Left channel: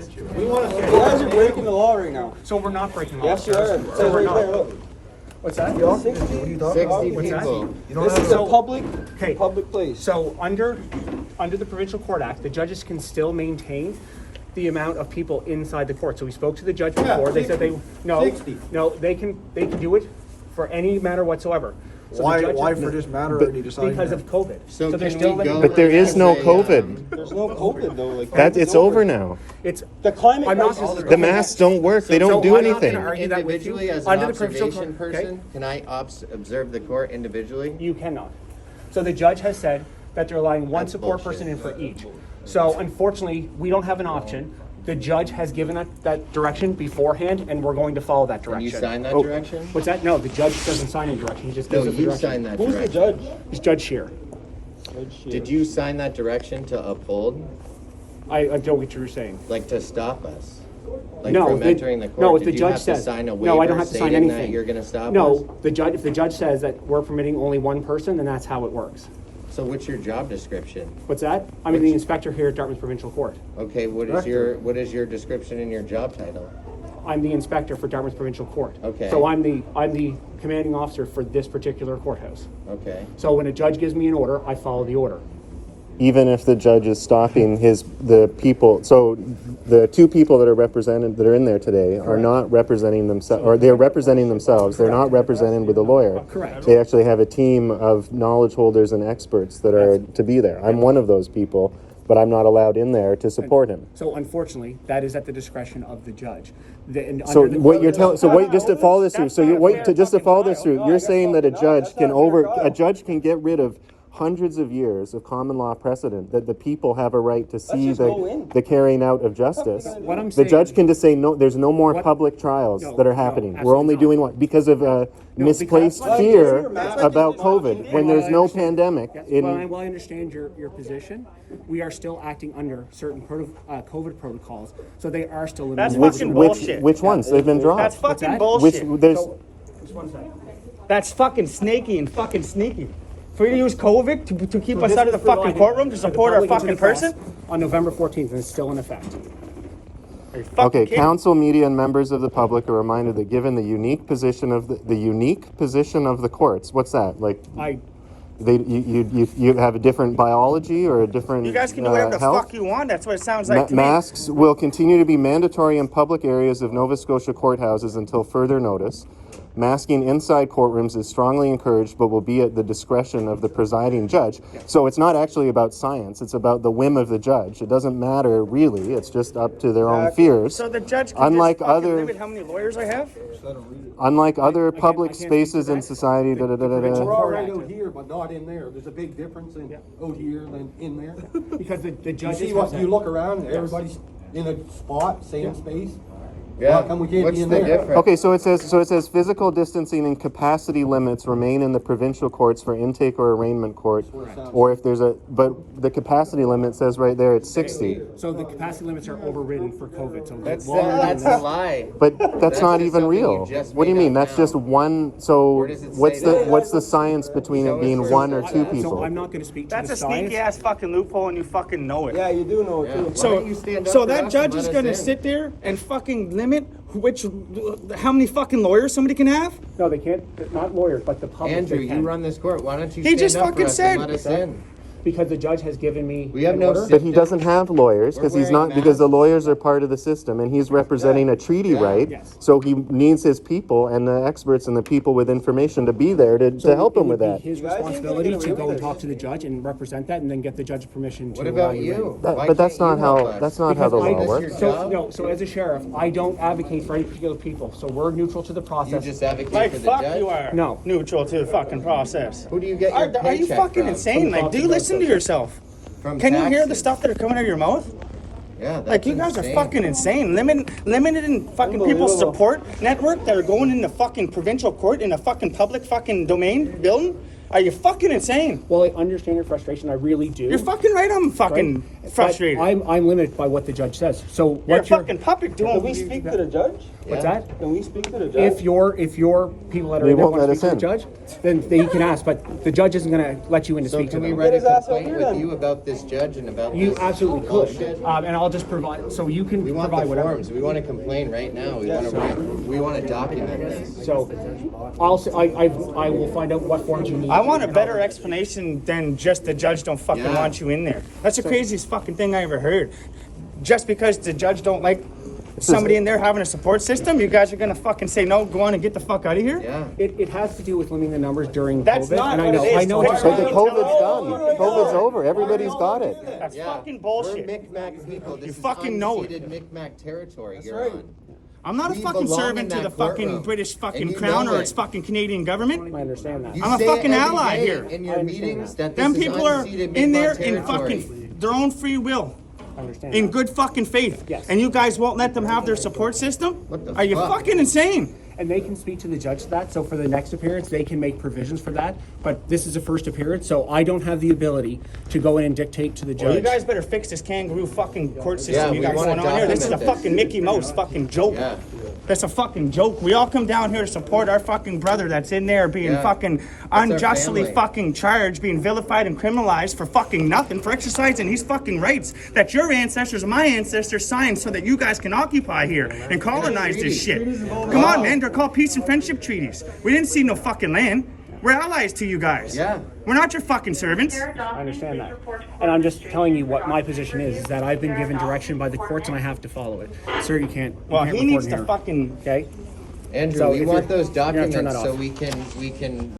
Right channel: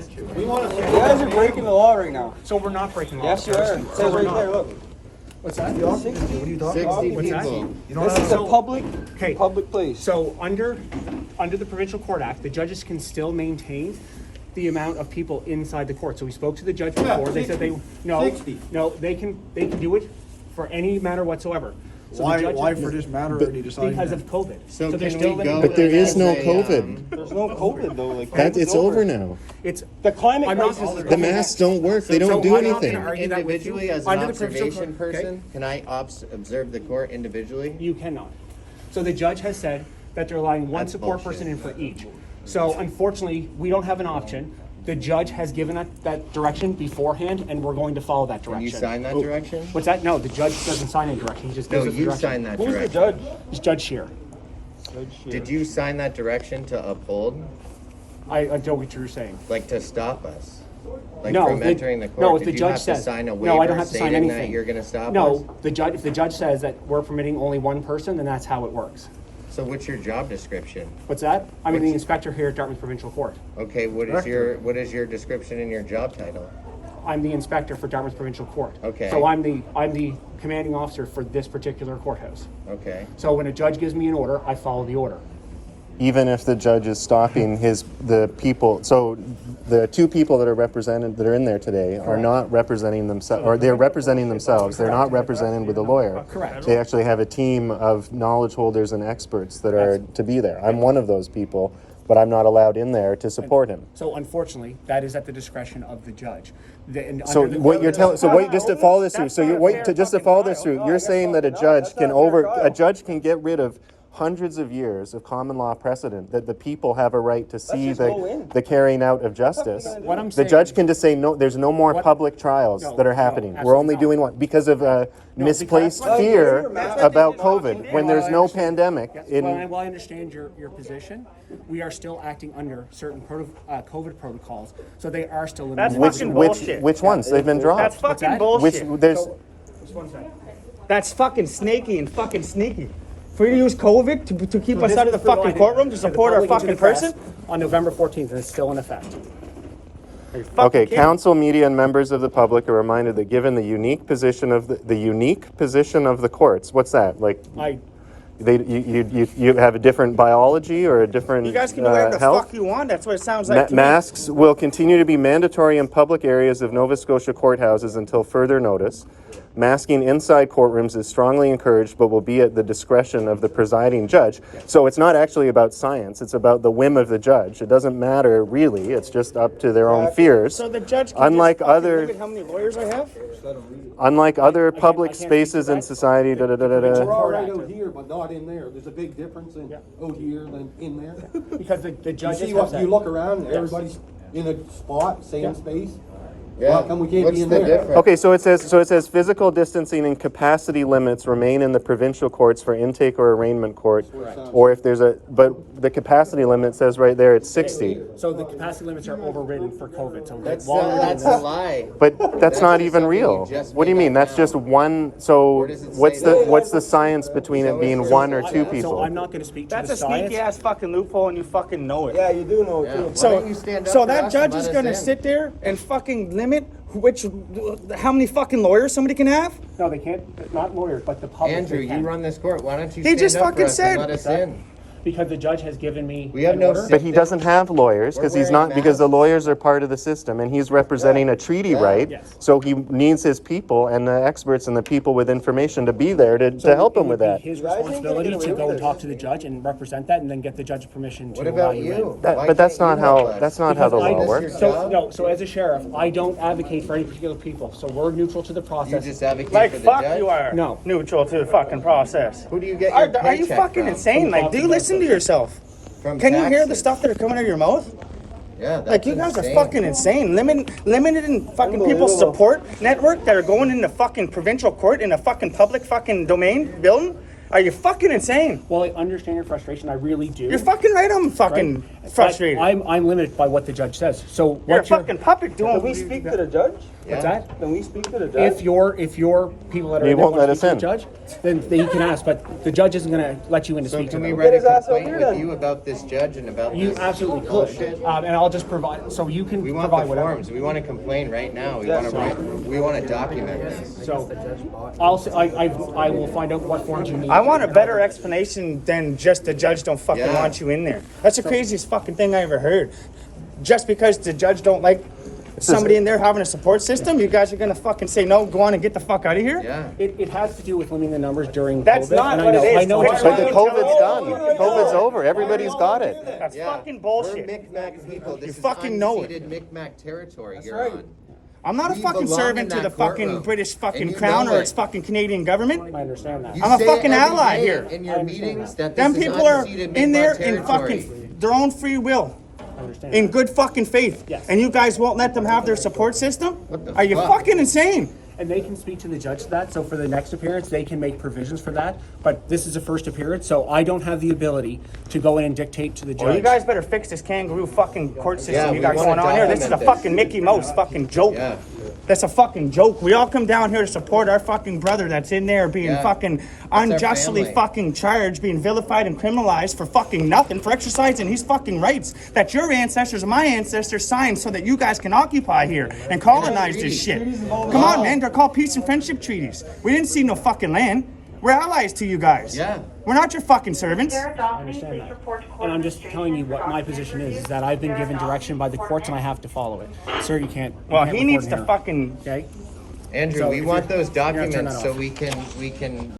We want to. You guys are breaking the law right now. So we're not breaking the law. Yes, you are. It says right there, look. What's that? 60 What's that? people. This is a public place. So under the provincial court act, the judges can still maintain the amount of people inside the court. So we spoke to the judge before. They said they can do it for any matter whatsoever. So why for this matter are they deciding because that? of COVID. So there's can still we go But there is no as a, COVID. There's no COVID though. Like It's over now. It's the climate. I'm not crisis is The masks don't work. They don't do I'm not gonna anything. argue that with you. Individually, as an Under the provincial observation court, person, okay? can I observe the court individually? You cannot. So the judge has said that they're allowing one That's support bullshit. person in for each. So unfortunately, we don't have an option. The judge has given that direction beforehand, and we're going to follow that Can direction. you sign that direction? What's that? No, the judge doesn't sign any direction. He just No, gives us the you direction. signed that Who's the direction. judge? It's Judge Shear. Did you sign that direction to uphold? I don't get what you're saying. Like to stop us? Like No, from entering the court? no. If Did the you judge have says to sign a waiver no, I don't have to sign stating anything. that you're going to stop us? No, if the judge says that we're permitting only one person, then that's how it works. So what's your job description? What's that? I'm the inspector here at Dartmouth Provincial Court. Okay, what is your description in your job title? I'm the inspector for Dartmouth Provincial Court. Okay. So I'm the commanding officer for this particular courthouse. Okay. So when a judge gives me an order, I follow the order. Even if the judge is stopping the people, so the two people that are in there today are not representing themselves, or they're representing themselves. They're not represented with a lawyer. Correct. They actually have a team of knowledge holders and experts that are to be there. I'm one of those people, but I'm not allowed in there to support him. So unfortunately, that is at the discretion of the judge. So what you're telling, so wait, just to follow this through. So you wait to just to follow this through. You're saying that a judge can get rid of hundreds of years of common law precedent that the people have a right to see the carrying out of justice. What I'm The saying- judge can just say no. There's no more public trials that are happening. We're only doing one because of misplaced fear about COVID when there's no pandemic. While I understand your position, we are still acting under certain COVID protocols, so they are still limited. Which ones? They've been dropped. That's fucking that? bullshit. Just one second. That's fucking snaky and fucking sneaky. For you to use COVID to keep us out of the fucking courtroom to support our fucking person? On November 14th, and it's still in effect. Okay, council, media, and members of the public are reminded that given the unique position of the courts, what's that? Like, you have a different biology or a different You guys can do whatever the health? fuck you want. That's what it sounds like to me. Masks will continue to be mandatory in public areas of Nova Scotia courthouses until further notice. Masking inside courtrooms is strongly encouraged, but will be at the discretion of the presiding judge. So it's not actually about science, it's about the whim of the judge. It doesn't matter really, it's just up to their own fears. So the judge can Unlike just fucking other- limit how many lawyers I have? Unlike other public I can't spaces speak to in that. society, We're Court all right Act. out here, but not in there. There's a big difference in out here than in there. Because the You judges see have what said. you look around, everybody's in a spot, same space. Yeah. How come we can't What's be in the there? difference? Okay, so it says physical distancing and capacity limits remain in the provincial courts for intake or arraignment court. Correct. Or if there's but the capacity limit says right there it's 60. So the capacity limits are overridden for COVID. So That's while we're doing a this, lie. But that's not just even something real. you just What do you made mean? up That's now. just one. So Where does it say that? what's the science between it being one or two people? so I'm not going to speak to That's the a science. sneaky ass fucking loophole and you fucking know it. Yeah, you do know it Yeah. too. Why So, don't you stand up so for that us judge and is let gonna us in? sit there and fucking limit how many fucking lawyers somebody can have? No, they can't. Not lawyers, but the public. Andrew, they you can. run this court. Why don't you He stand just up for fucking us said- and let us in? Because the judge has given me. We have an no order. sit- But he doesn't have lawyers because We're he's not wearing because the masks. lawyers are part of the system and he's representing a treaty right. Yes. So he needs his people and the experts and the people with information to be there to help him with It would that. be his responsibility to go and talk to the judge and represent that, and then get the judge's permission to What allow about you in. you? Why But that's can't not you help how us? that's not how Because the law I, Is this works. your so job? no, so as a sheriff, I don't advocate for any particular people. So we're neutral to the You process. just advocate Like for the fuck judge? you are. No. Neutral to the fucking process. Who do you get your paycheck Are you fucking from? insane? From Like, do you Boston listen to Law yourself? From Can you hear the taxes. stuff that are coming out of your mouth? Yeah, that's Like, you guys insane. are fucking insane. Limiting fucking people's support network that are going into fucking provincial court in a fucking public fucking domain building. Are you fucking insane? Well, I understand your frustration. I really do. You're fucking right. I'm fucking But frustrated. I'm limited by what the judge says. So what You're a you're fucking puppet doing. Can we speak to the judge? what's that? Can we speak to the judge? If your people that are They in there won't want to let speak to us the in. judge, then you can ask. But the judge isn't going to let you in to So speak to can we them. write a his ass complaint over with then. you about this judge and about You this absolutely bullshit? could, and I'll just provide. So you can We want provide the whatever. forms. We want to complain right now. We want to document this. So I will find out what forms you need. I want a better explanation than just the judge don't fucking Yeah. want you in there. That's the craziest fucking thing I ever heard. Just because the judge don't like somebody in there having a support system, you guys are gonna fucking say no, go on and get the fuck out of here? Yeah. It has to do with limiting the numbers during That's COVID, not and what it is. I know what you're But saying. the COVID's done. COVID's over. Everybody's got it. That's Yeah. fucking We're bullshit. Micmac people. This is fucking know it. unceded Micmac territory you're right. on. I'm not a We fucking belong servant in to the that fucking courtroom. British And fucking you crown know or it. its fucking Canadian government. I understand that. You I'm a say fucking it every ally day here. in your meetings that Them this people is are unceded in there Micmac in territory. fucking their own free will. I understand. In good fucking faith. Yes. And you guys won't let them have their support system? What the Are you fuck? fucking insane? And they can speak to the judge to that. So for the next appearance, they can make provisions for that. But this is a first appearance, so I don't have the ability to go in and dictate to the judge. Well, you guys better fix this kangaroo fucking court system Yeah, you we got wanna going on here. This is a document this. fucking Mickey Mouse fucking joke. Yeah. That's a fucking joke. We all come down here to support our fucking brother that's in there being Yeah. fucking our unjustly family. fucking charged, being vilified and criminalized for fucking nothing, for exercising his fucking rights that your ancestors and my ancestors signed so that you guys can occupy here and colonize this shit. Come on, man. They're called peace and friendship treaties. We didn't see no fucking land. We're allies to you guys. Yeah. We're not your fucking servants. I understand that. And I'm just telling you what my position is that I've been given direction by the courts and I have to follow it. Sir, you can't. Well, you can't he needs record to here. fucking. Okay. Andrew, So we if want you're- those you're gonna turn documents that so off. we can